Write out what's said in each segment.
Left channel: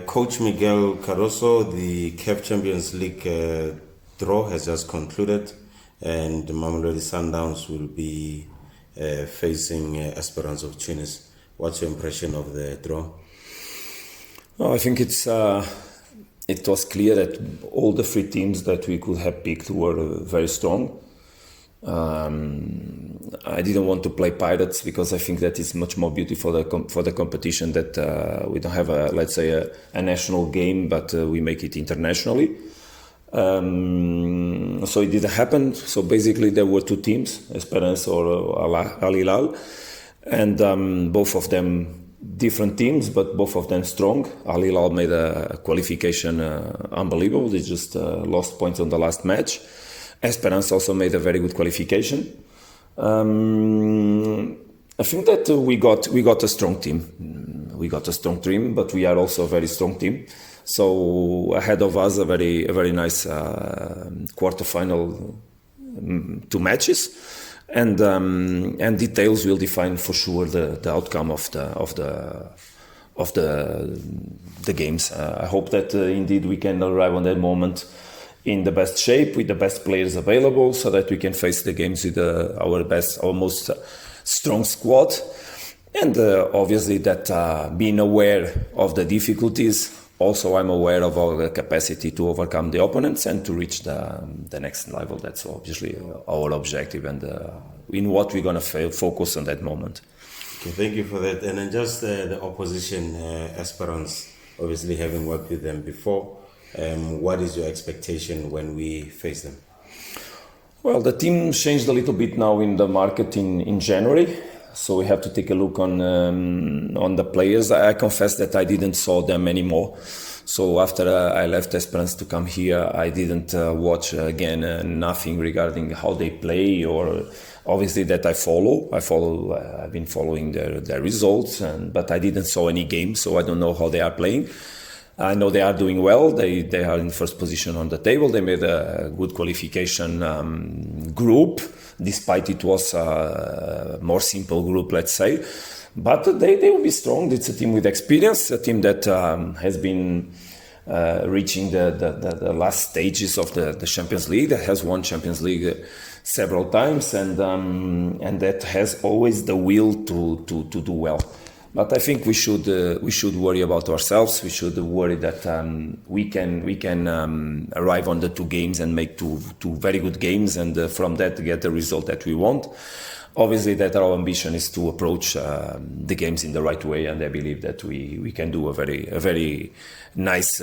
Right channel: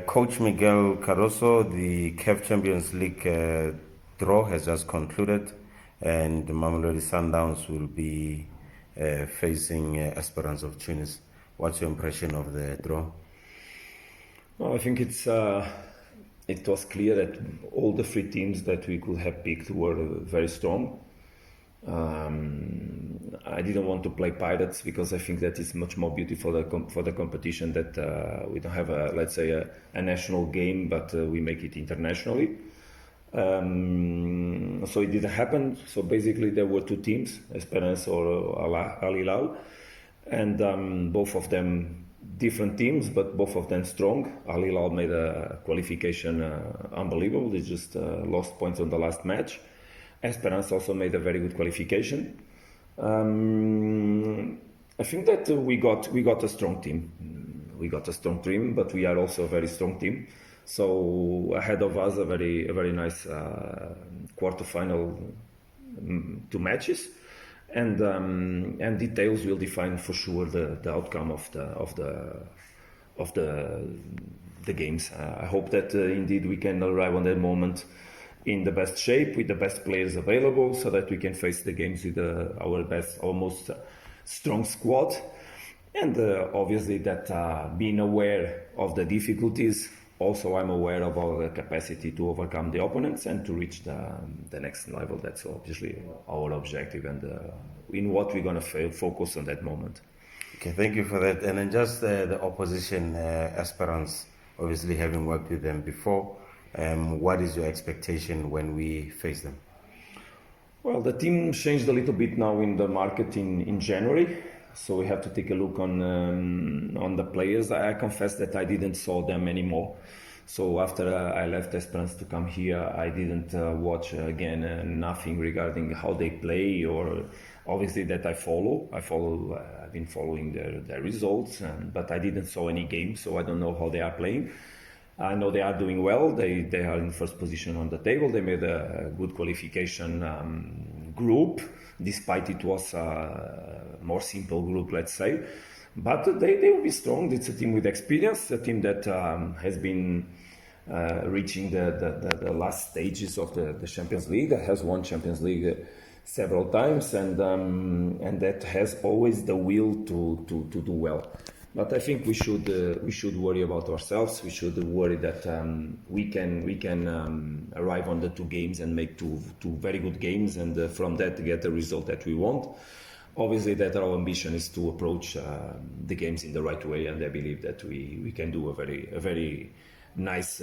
Coach Miguel Cardoso, the CAF Champions League draw has just concluded, and the Mamelodi Sundowns will be facing Esperance of Tunis. What's your impression of the draw? Well, I think it was clear that all the three teams that we could have picked were very strong. I didn't want to play Pirates because I think that is much more beautiful for the competition, that we don't have a national game, but we make it internationally. So it didn't happen. So basically there were two teams, Esperance or Al Hilal, and both of them different teams, but both of them strong. Al Hilal made a qualification unbelievable. They just lost points on the last match. Esperance also made a very good qualification. I think that we got a strong team. We got a strong team, but we are also a very strong team. So ahead of us a very nice quarterfinal, two matches, and details will define for sure the outcome of the games. I hope that indeed we can arrive on that moment in the best shape, with the best players available, so that we can face the games with our best, almost strong squad. And obviously that being aware of the difficulties, also I'm aware of our capacity to overcome the opponents and to reach the next level. That's obviously our objective, and in what we're going to focus on that moment. Okay, thank you for that. And then just the opposition, Esperance, obviously having worked with them before, what is your expectation when we face them? Well, the team changed a little bit now in the market in January, so we have to take a look on the players. I confess that I didn't saw them anymore. So after I left Esperance to come here, I didn't watch again nothing regarding how they play, or obviously that I follow. I've been following their results, but I didn't saw any games, so I don't know how they are playing. I know they are doing well. They are in first position on the table. They made a good qualification group, despite it was a more simple group, let's say. But they will be strong. It's a team with experience, a team that has been reaching the last stages of the Champions League, that has won Champions League several times, and that has always the will to do well. But I think we should worry about ourselves. We should worry that we can arrive on the two games and make two very good games, and from that get the result that we want. Obviously, that our ambition is to approach the games in the right way, and I believe that we can do a very nice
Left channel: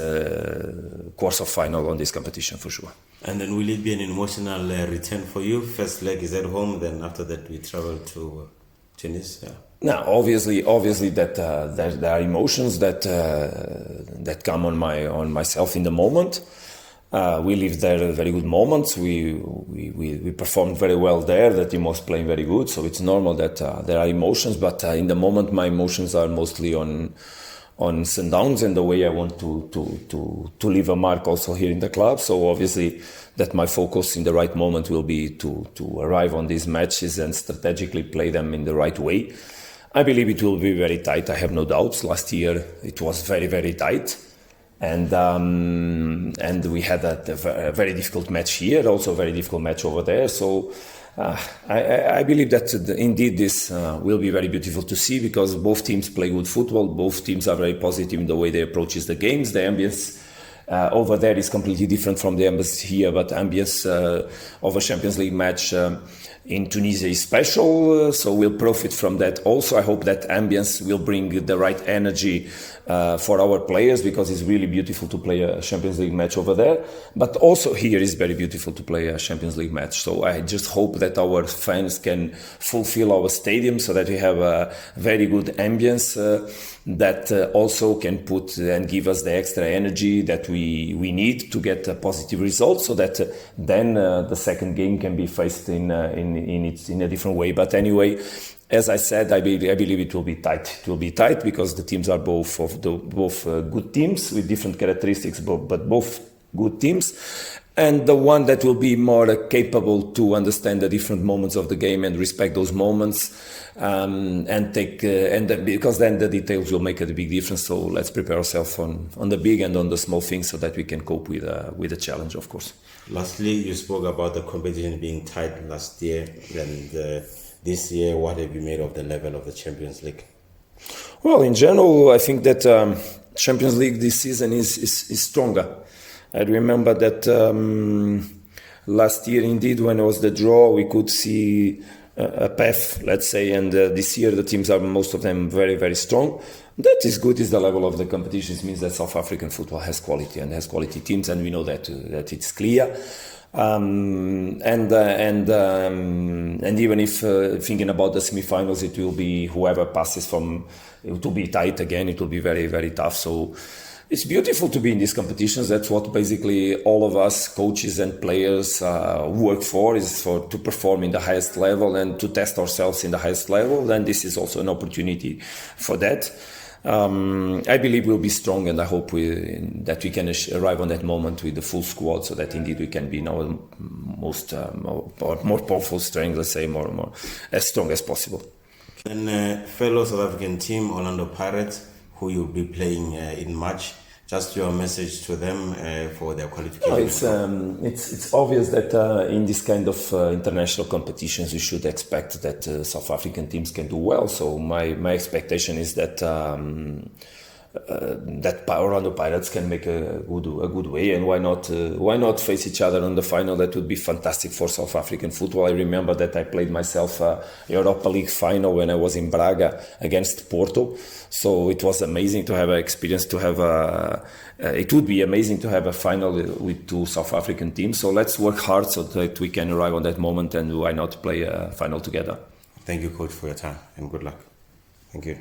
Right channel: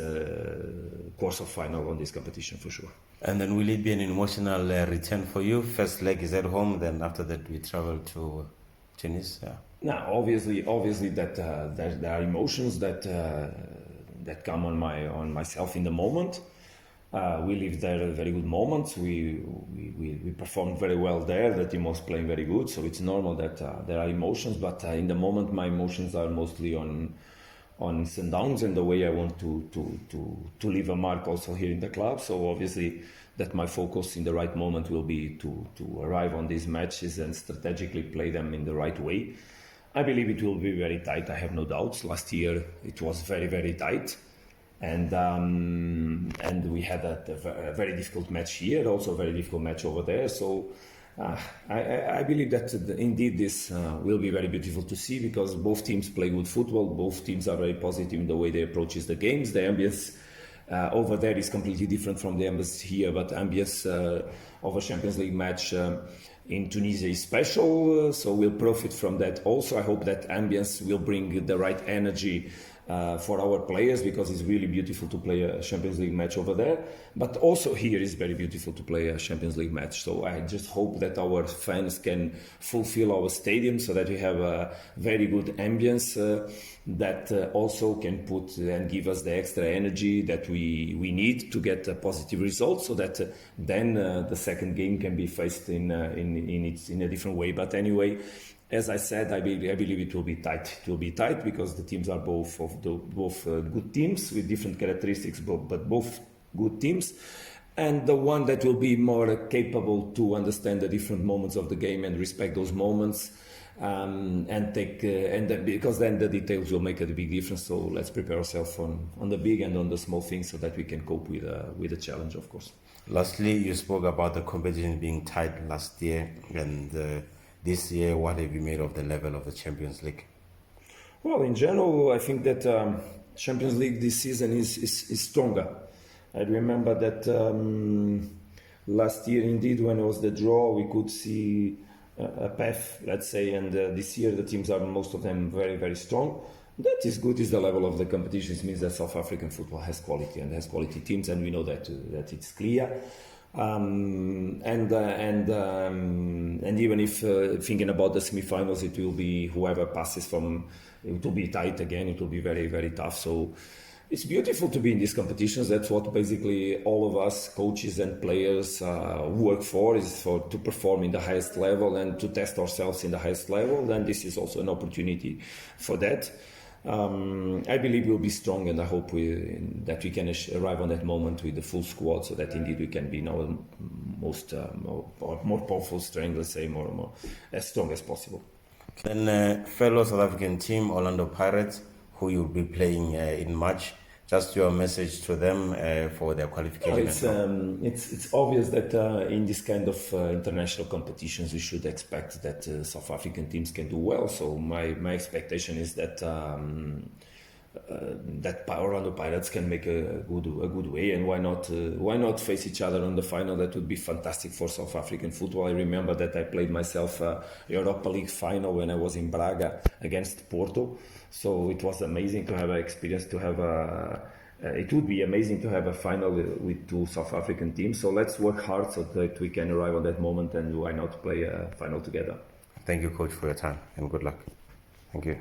course of final on this competition for sure. And then will it be an emotional return for you? First leg is at home, then after that we travel to Tunis. Yeah. Now, obviously, that there are emotions that come on myself in the moment. We lived there very good moments. We performed very well there. The team was playing very good, so it's normal that there are emotions. But in the moment, my emotions are mostly on Sundowns and the way I want to leave a mark also here in the club. So obviously that my focus in the right moment will be to arrive on these matches and strategically play them in the right way. I believe it will be very tight. I have no doubts. Last year it was very tight, and we had a very difficult match here, also a very difficult match over there. So I believe that indeed this will be very beautiful to see, because both teams play good football. Both teams are very positive in the way they approach the games. The ambience over there is completely different from the ambience here, but ambience of a Champions League match in Tunisia is special, so we'll profit from that. Also, I hope that ambience will bring the right energy for our players, because it's really beautiful to play a Champions League match over there. But also here is very beautiful to play a Champions League match. So I just hope that our fans can fulfill our stadium, so that we have a very good ambience that also can put and give us the extra energy that we need to get a positive result, so that then the second game can be faced in a different way. But anyway, as I said, I believe it will be tight. It will be tight because the teams are both good teams with different characteristics, but both good teams. And the one that will be more capable to understand the different moments of the game and respect those moments and take because then the details will make a big difference. So let's prepare ourselves on the big and on the small things so that we can cope with the challenge, of course. Lastly, you spoke about the competition being tight last year, and this year, what have you made of the level of the Champions League? Well, in general, I think that Champions League this season is stronger. I remember that last year, indeed, when it was the draw, we could see a path, let's say, and this year the teams are, most of them, very, very strong. That is good, is the level of the competition. It means that South African football has quality and has quality teams, and we know that it's clear. And even if thinking about the semi-finals, it will be whoever passes from, it will be tight again, it will be very, very tough. So it's beautiful to be in these competitions. That's what basically all of us, coaches and players, work for, is to perform in the highest level and to test ourselves in the highest level. And this is also an opportunity for that. I believe we'll be strong, and I hope that we can arrive on that moment with the full squad, so that indeed we can be in our more powerful strength, let's say, more as strong as possible. And fellow South African team, Orlando Pirates, who you'll be playing in March, just your message to them for their qualification. It's obvious that in this kind of international competitions, you should expect that South African teams can do well. So my expectation is that Orlando Pirates can make a good way, and why not face each other on the final? That would be fantastic for South African football. I remember that I played myself a Europa League final when I was in Braga against Porto. So it was amazing to have an experience, it would be amazing to have a final with two South African teams. So let's work hard so that we can arrive on that moment, and why not play a final together. Thank you, Coach, for your time, and good luck. Thank you.